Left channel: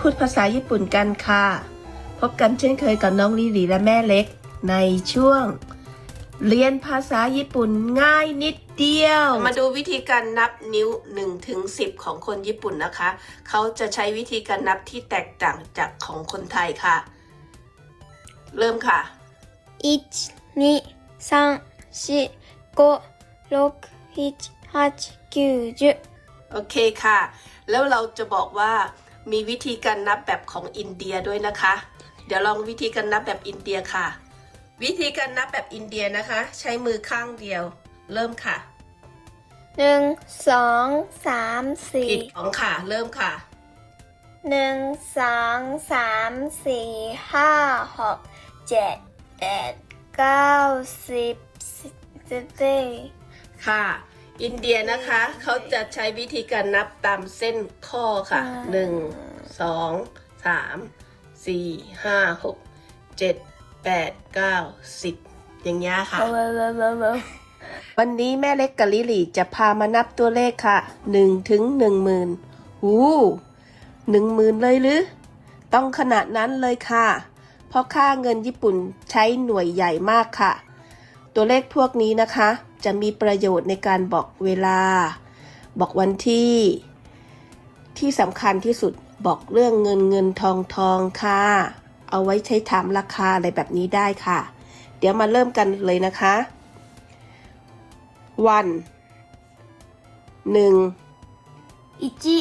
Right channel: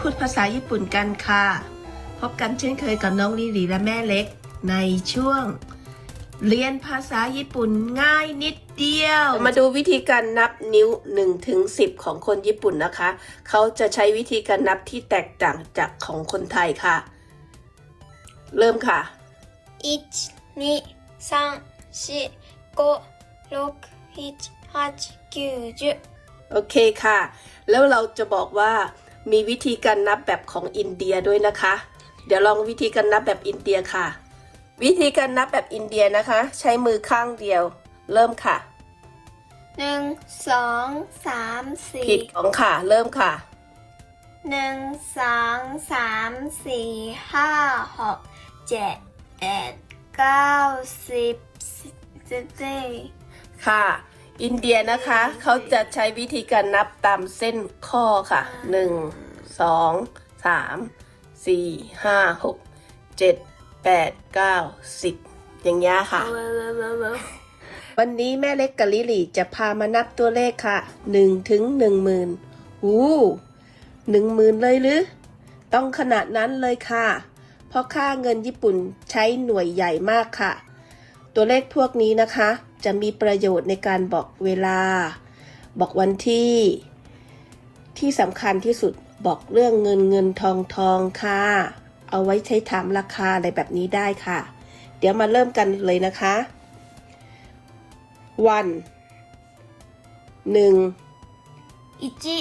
พูดภาษาญี่ปุ่นกันค่ะ พบกันเช่นเคยกับน้องลิลีและแม่เล็ก ในช่วง เรียนภาษาญี่ปุ่นง่ายนิดเดียว มาดูวิธีการนับนิ้ว1ถึง10 ของคนญี่ปุ่นนะคะ เขาจะใช้วิธีการนับที่แตกต่างจากของคนไทยค่ะ เริ่มค่ะ 1、2、3、4、5、6、7、8、9、10。โอเคค่ะ แล้วเราจะบอกว่า มีวิธีการนับแบบของอินเดียด้วยนะคะ เดี๋ยวลองวิธีการนับแบบอินเดียค่ะ วิธีการนับแบบอินเดียนะคะ ใช้มือข้างเดียว เริ่มค่ะหนึ่งสองสามผิสี่ดของค่ะ เริ่มค่ะหนึ่งสองสามสี่ห้าหกเจ็ดแปดเก้าสิบสิบสิบเอ็ดค่ะ อินเดียนะคะเขาจะใช้วิธีการนับตามเส้นข้อค่ะหนึ่งสองสามสี่ห้าหกเจ็ดแปดเก้าสิบอย่างเงี้ยค่ะ วันนี้แม่เล็กกับลิลี่จะพามานับตัวเลขค่ะหนึ่งถึงหนึ่งหมื่นอู้หนึ่งหมื่นเลยหรือ ต้องขนาดนั้นเลยค่ะ เพราะค่าเงินญี่ปุ่นใช้หน่วยใหญ่มากค่ะ ตัวเลขพวกนี้นะคะ จะมีประโยชน์ในการบอกเวลา บอกวันที่ ที่สำคัญที่สุดบอกเรื่องเงินเงินทองทองค่ะ เอาไว้ใช้ถามราคาอะไรแบบนี้ได้ค่ะ เดี๋ยวมาเริ่มกันเลยนะคะ วันหนึ่งอิจิ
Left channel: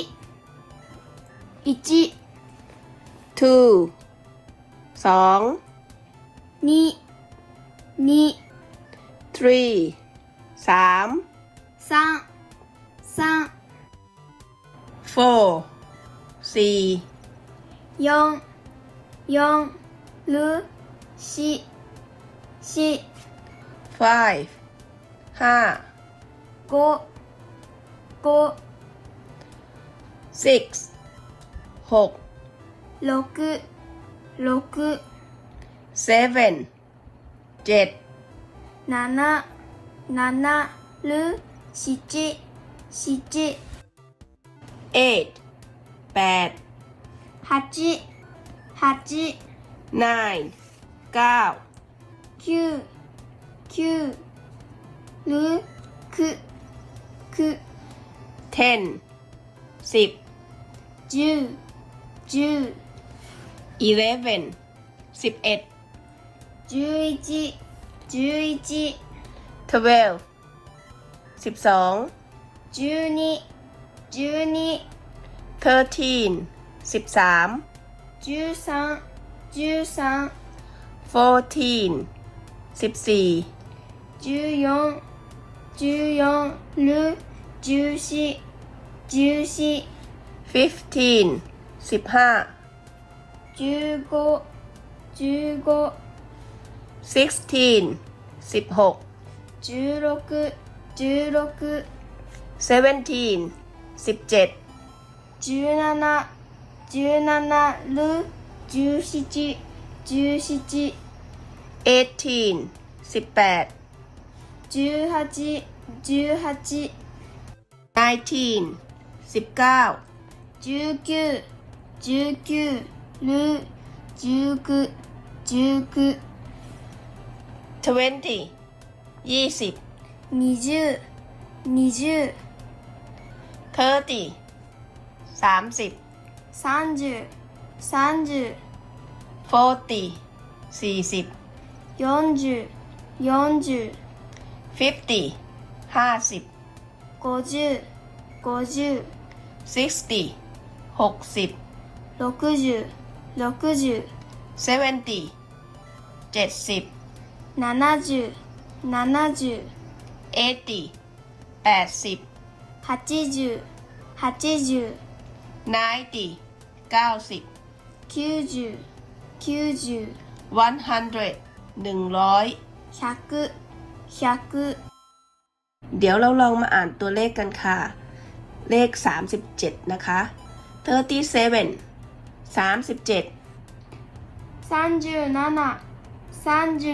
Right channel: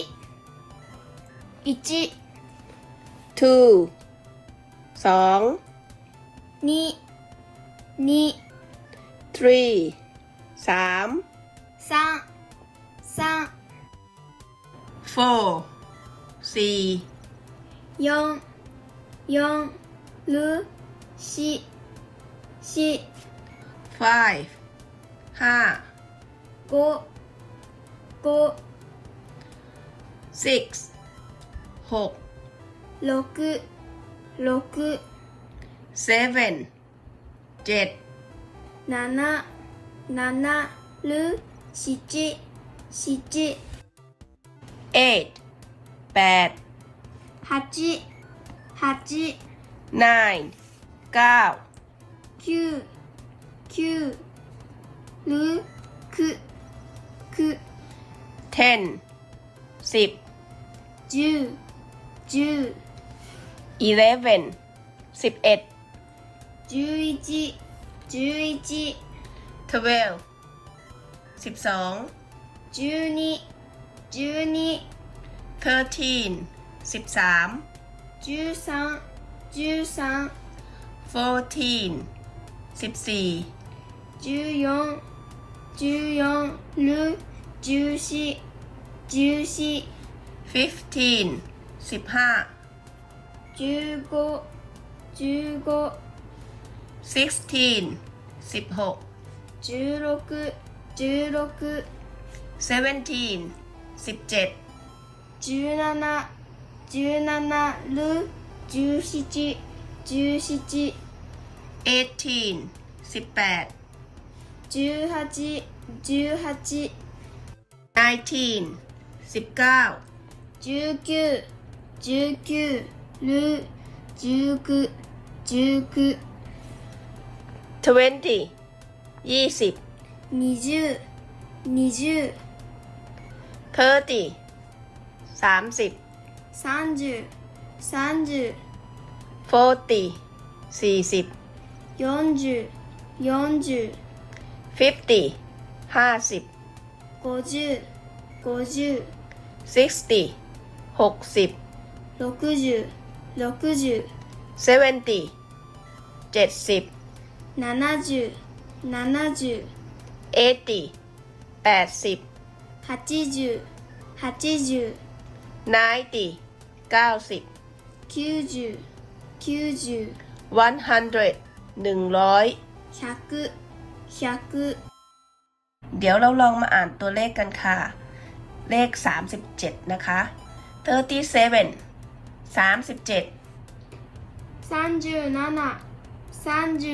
อิจิ two สองนี่นี่ three สามสามสาม four สี่สี่สี่หนึ่งสี่สี่ five ห้า go go six หกหกหก seven เจ็ด 七七六七七 eight แปด 八八 nine เก้า 九九六九九 ten สิบ 十十 eleven สิบเอ็ด 十一 十一 twelve สิบสอง 十二十二 thirteen สิบสาม 十三十三 fourteen สิบสี่ 十四十四六十四十四 fifteen สิบห้า 十五十五 sixteen สิบหก 16 16 seventeen สิบเจ็ด 17 17ル17 17 eighteen สิบแปด 18 18 nineteen สิบเก้า 19 19ル19 19 twenty ยี่สิบ 20 20 thirty สามสิบ 30 30 forty สี่สิบ 40 40 fifty ห้าสิบ 50 50 sixty หกสิบ 60 60 70 เจ็ดสิบ 70 70 80 80 80 80 90 90 90 90 100 100 100 100เดี๋ยวเราลองมาอ่านตัวเลขกันค่ะ เลข 37 นะคะ37 37 37 37 forty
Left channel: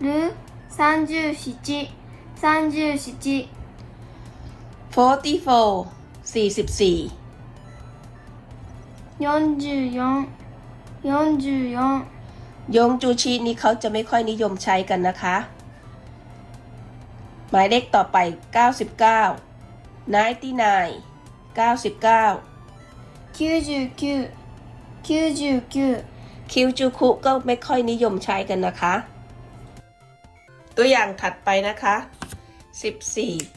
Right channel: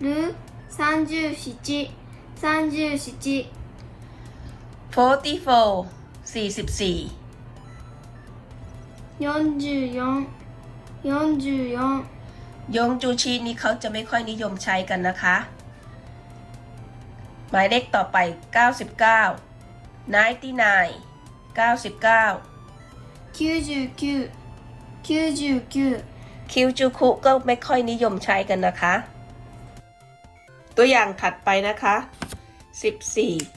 る37 37 44สิบสี่ยงจูชีนี้เขาจะไม่ค่อยนิยมใช้กันนะคะ หมายเลขต่อไป 99 99 99 99 99 คิวจูคุก็ไม่ค่อยนิยมใช้กันนะคะ ตัวอย่างถัดไปนะคะ 14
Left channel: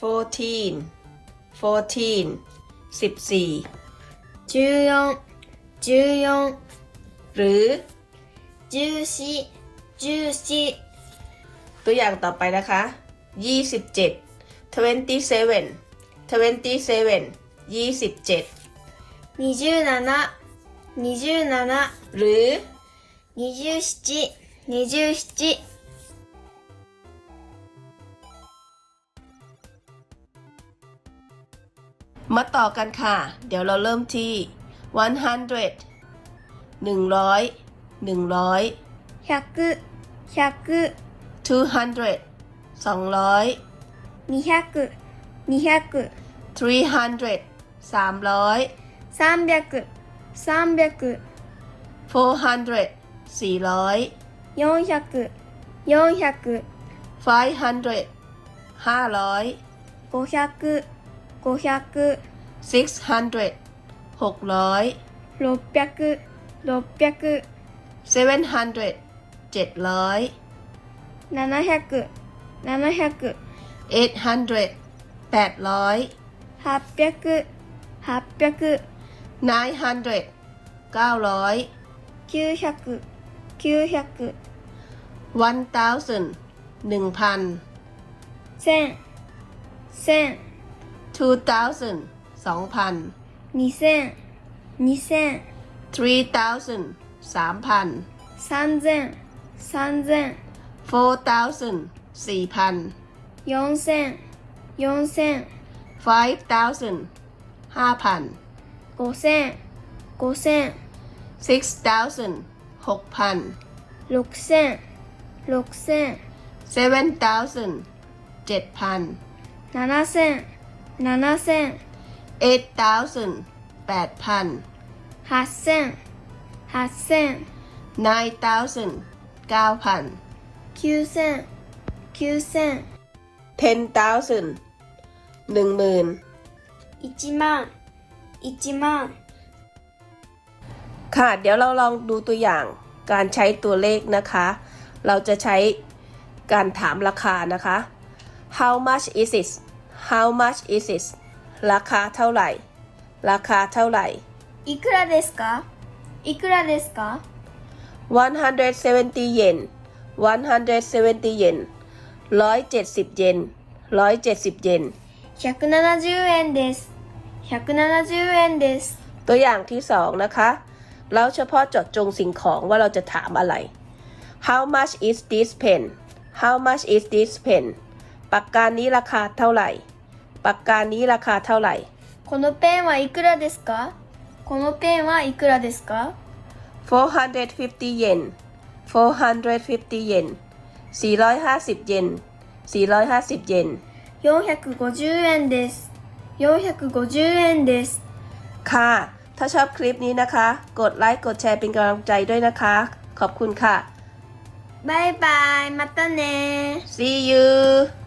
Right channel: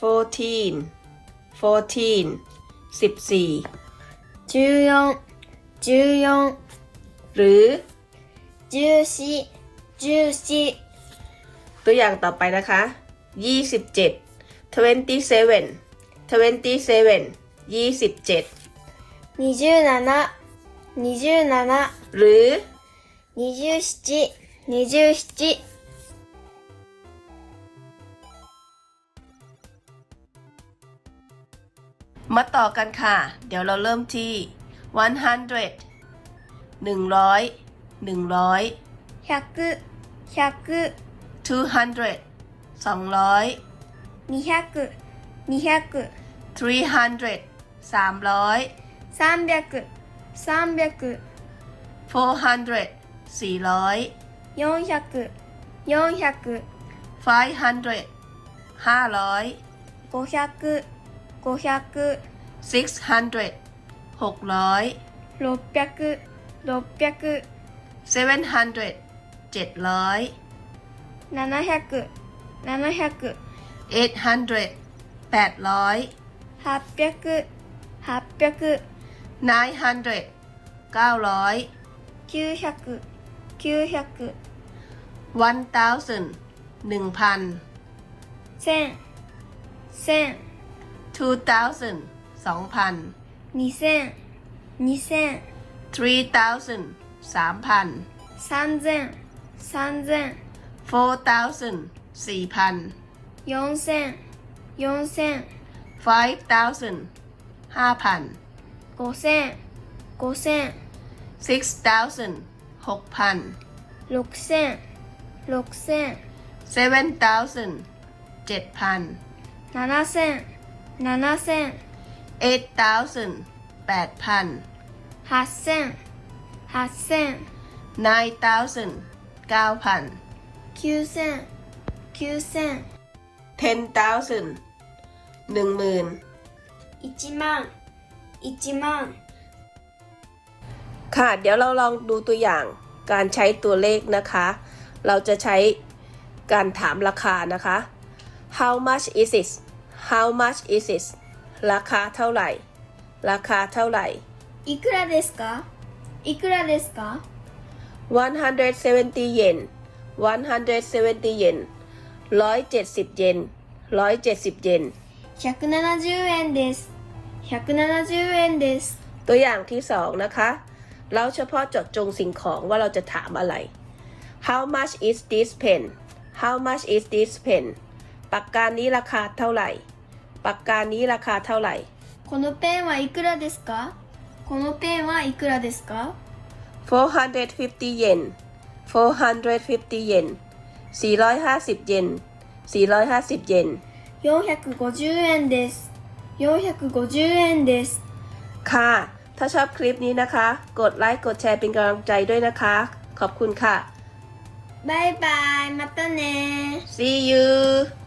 14 14 14 14 14หรือ14 14ตัวอย่างต่อไปนะคะ 27 27 27 27 27 27 หรือ27 27มาต่อกันค่ะ เดี๋ยวเราเริ่มที่ 100 100 100 100 100 200 200 200 200 300 300 300 300 400 400 400 400 500 500 500 500 600 600 600 600 700 700 700 700 800 800 800 800 900 900 900 900 one thousand หนึ่งพัน 1000 1000 two thousand สองพัน 2000 2000 three thousand สามพัน 3000 3000 four thousand สี่พัน 4000 4000 five thousand ห้าพัน 5000 5000 5000 5000 6000 6000 6000 6000 7000 7000 7000 7000 8000 8000 8000 8000 9000 9000 9000 9000 10,000 10,000 1万1万 ค่ะ เดี๋ยวเราลองดูตัวอย่างการใช้ตัวเลขนะคะ เราจะใช้การถามราคานะคะ How much is it How much is it ราคาเท่าไหร่ ราคาเท่าไหร่ いくらですかいくらですか170 เยน170 เยน170 เยน170 เยน 170円です170円です ตัวอย่างที่สองนะคะ เราเฉพาะเจดจงสิ่งของว่าเราจะถามอะไร How much is this pen How much is this pen ปากกานี้ราคาเท่าไหร่ ปากกานี้ราคาเท่าไหร่ このペンはいくらですかこのペンはいくらですか450 เยน450 เยน450 เยน450 เยน 450円です450円です ค่ะ ถ้าชอบคลิปนี้นะคะ กดไลค์ กดแชร์เป็นกำลังใจด้วยนะคะ ขอบคุณค่ะ バイバイまたね See you